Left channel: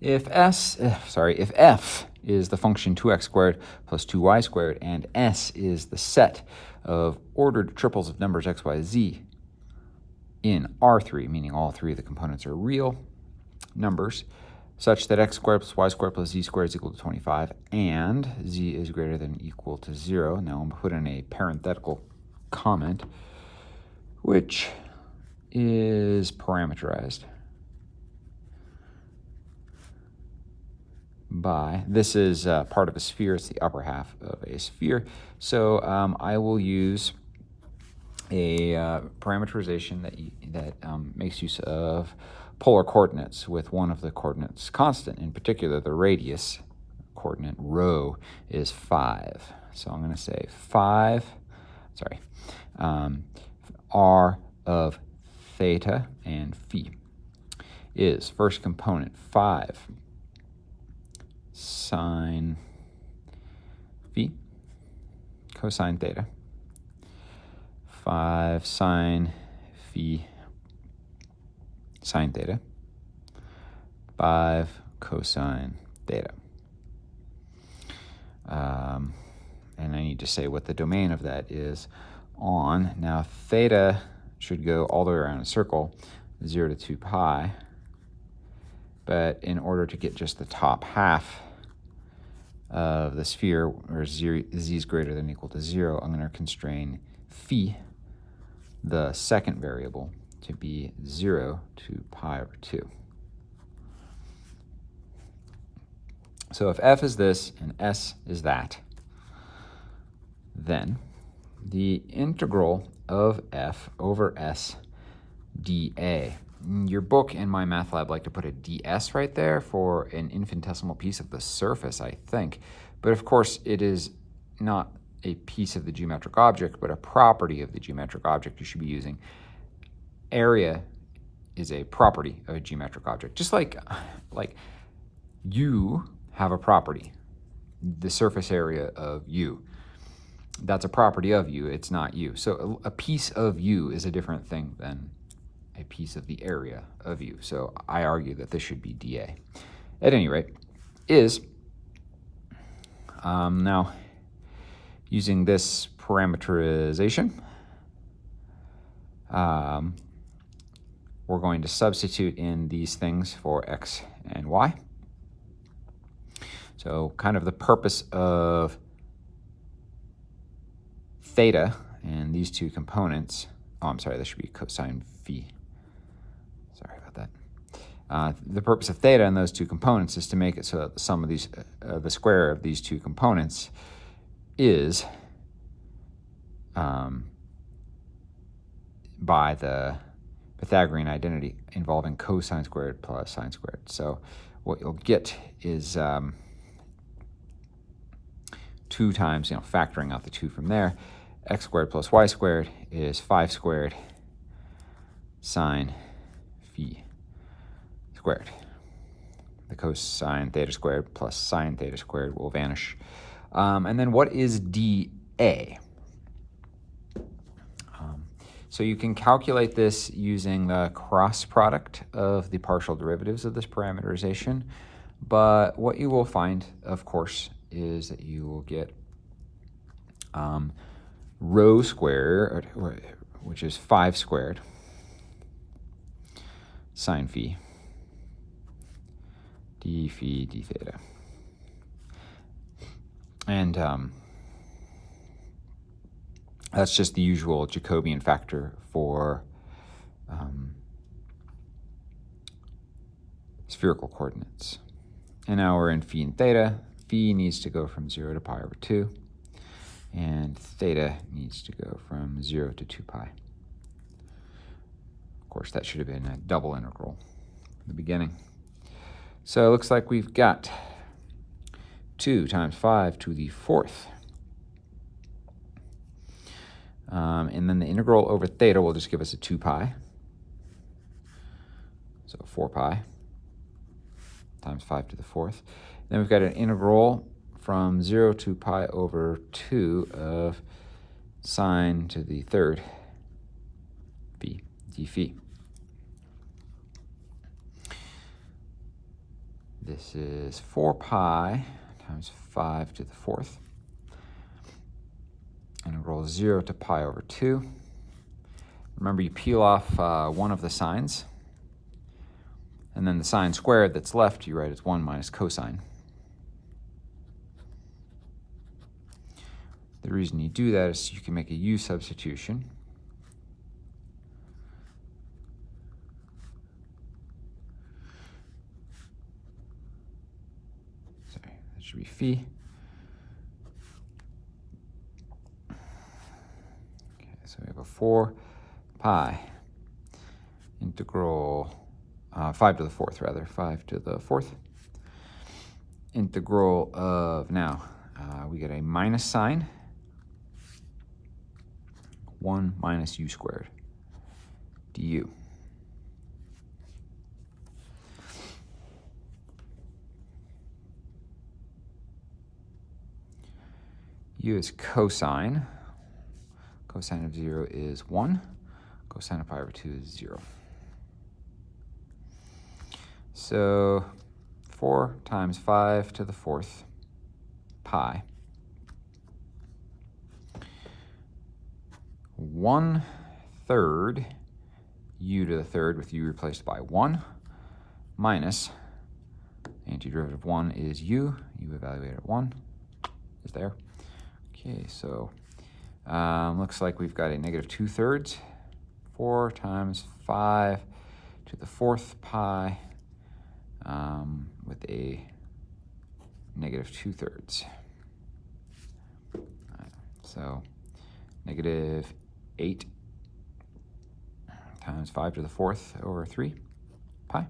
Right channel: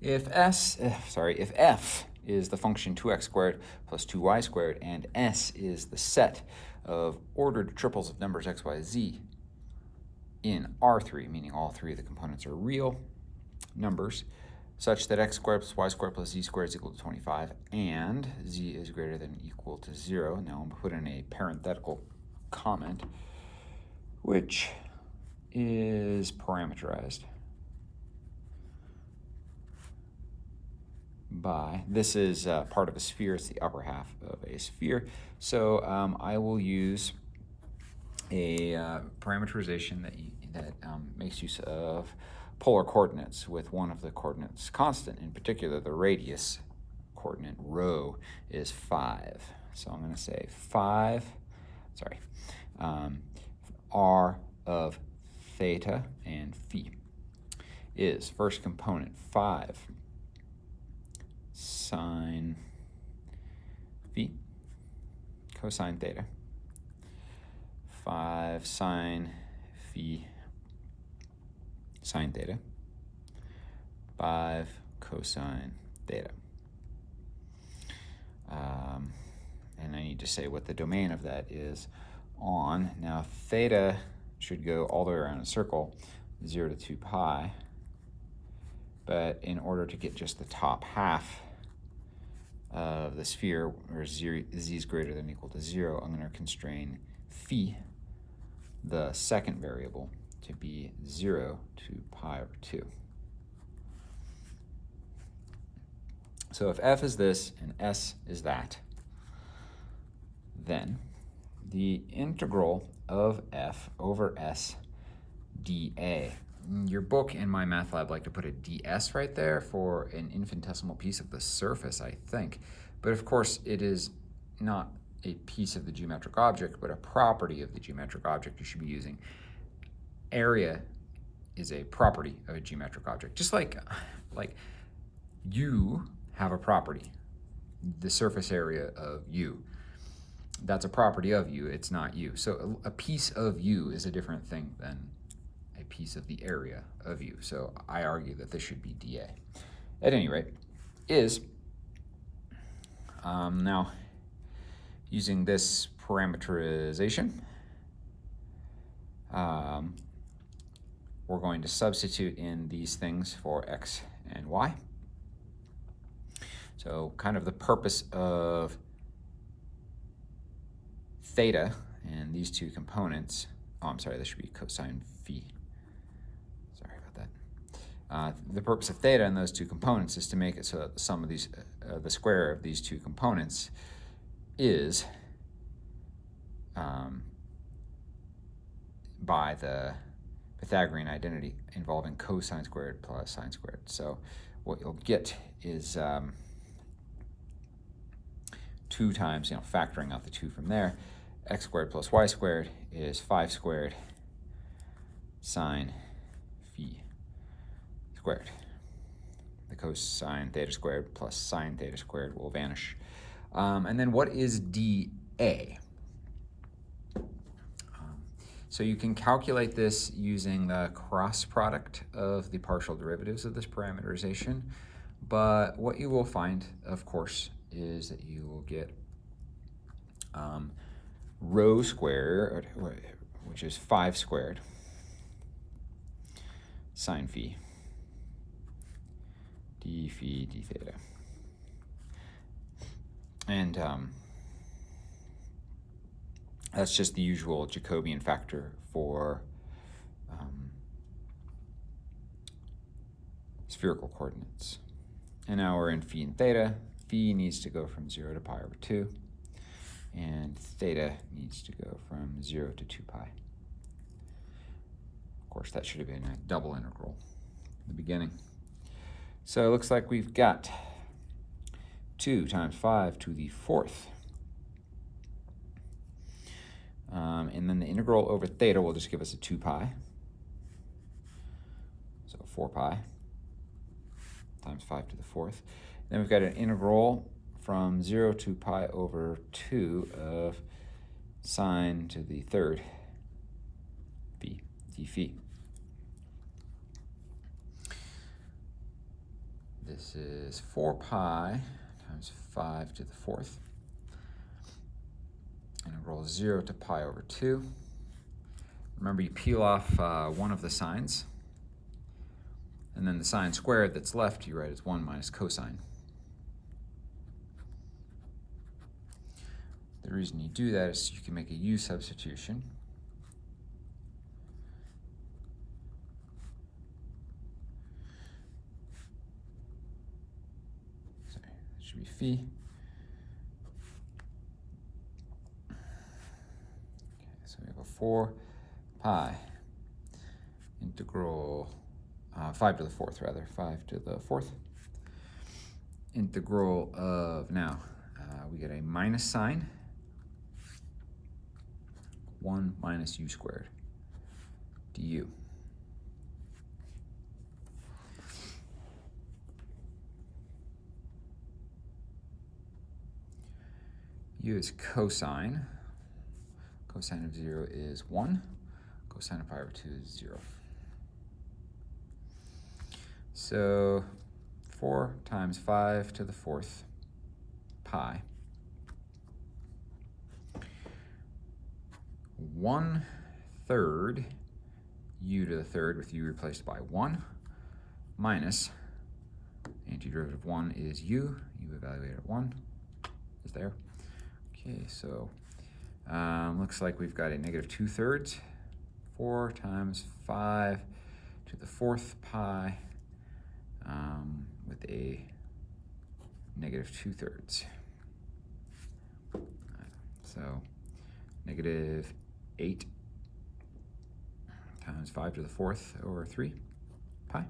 If f is the function 2x squared plus 2y squared, and S is the set of ordered triples of numbers x, y, z in R3, meaning all three of the components are real numbers, such that x squared plus y squared plus z squared is equal to 25, and z is greater than or equal to 0. Now I'm going to put in a parenthetical comment, which is parameterized by, this is part of a sphere, it's the upper half of a sphere, so I will use a parameterization that makes use of polar coordinates with one of the coordinates constant. In particular, the radius coordinate, rho, is 5. So I'm going to say r of theta and phi is, first component, 5 sine phi cosine theta, 5 sine phi sine theta, 5 cosine theta. And I need to say what the domain of that is on. Now, theta should go all the way around a circle, 0 to 2 pi. But in order to get just the top half of the sphere, where z is greater than or equal to 0, I'm going to constrain phi, the second variable, to be 0 to pi over 2. So if f is this and s is that, then the integral of f over s dA. Your book and my math lab like to put a ds right there for an infinitesimal piece of the surface, I think. But of course, it is not a piece of the geometric object, but a property of the geometric object you should be using. Area is a property of a geometric object, just like you have a property, the surface area of you. That's a property of you, it's not you. So a piece of you is a different thing than a piece of the area of you. So I argue that this should be dA. At any rate, is, now using this parameterization, we're going to substitute in these things for x and y. So kind of the purpose of theta and these two components, this should be cosine phi. Sorry about that. The purpose of theta and those two components is to make it so that the sum of these, the square of these two components is by the Pythagorean identity involving cosine squared plus sine squared. So what you'll get is 2 times, factoring out the 2 from there, x squared plus y squared is 5 squared sine phi squared. The cosine theta squared plus sine theta squared will vanish. And then what is dA? So you can calculate this using the cross product of the partial derivatives of this parameterization. But what you will find, of course, is that you will get rho squared, which is 5 squared sine phi d phi d theta. And that's just the usual Jacobian factor for spherical coordinates. And now we're in phi and theta. Phi needs to go from 0 to pi over 2, and theta needs to go from 0 to 2 pi. Of course, that should have been a double integral in the beginning. So it looks like we've got 2 times 5 to the 4th. And then the integral over theta will just give us a 2 pi. So 4 pi times 5 to the 4th. Then we've got an integral from 0 to pi over 2 of sine to the 3rd phi, d phi. This is 4 pi times 5 to the 4th. And it rolls 0 to pi over 2. Remember, you peel off one of the signs, and then the sign squared that's left you write as 1 minus cosine. The reason you do that is so you can make a u substitution. Sorry, that should be phi. Okay, so we have a 4 pi integral 5 to the 4th, rather, 5 to the 4th. Integral of, now, we get a minus sign, 1 minus u squared du. U is cosine. Cosine of 0 is 1. Cosine of pi over 2 is 0. So 4 times 5 to the 4th pi. 1/3 u to the 3rd with u replaced by 1 minus antiderivative of 1 is u. U evaluated at 1 is there. Okay, so looks like we've got a negative 2/3. 4 times 5 to the 4th pi with a negative 2/3. So negative 8 times 5 to the 4th over 3 pi.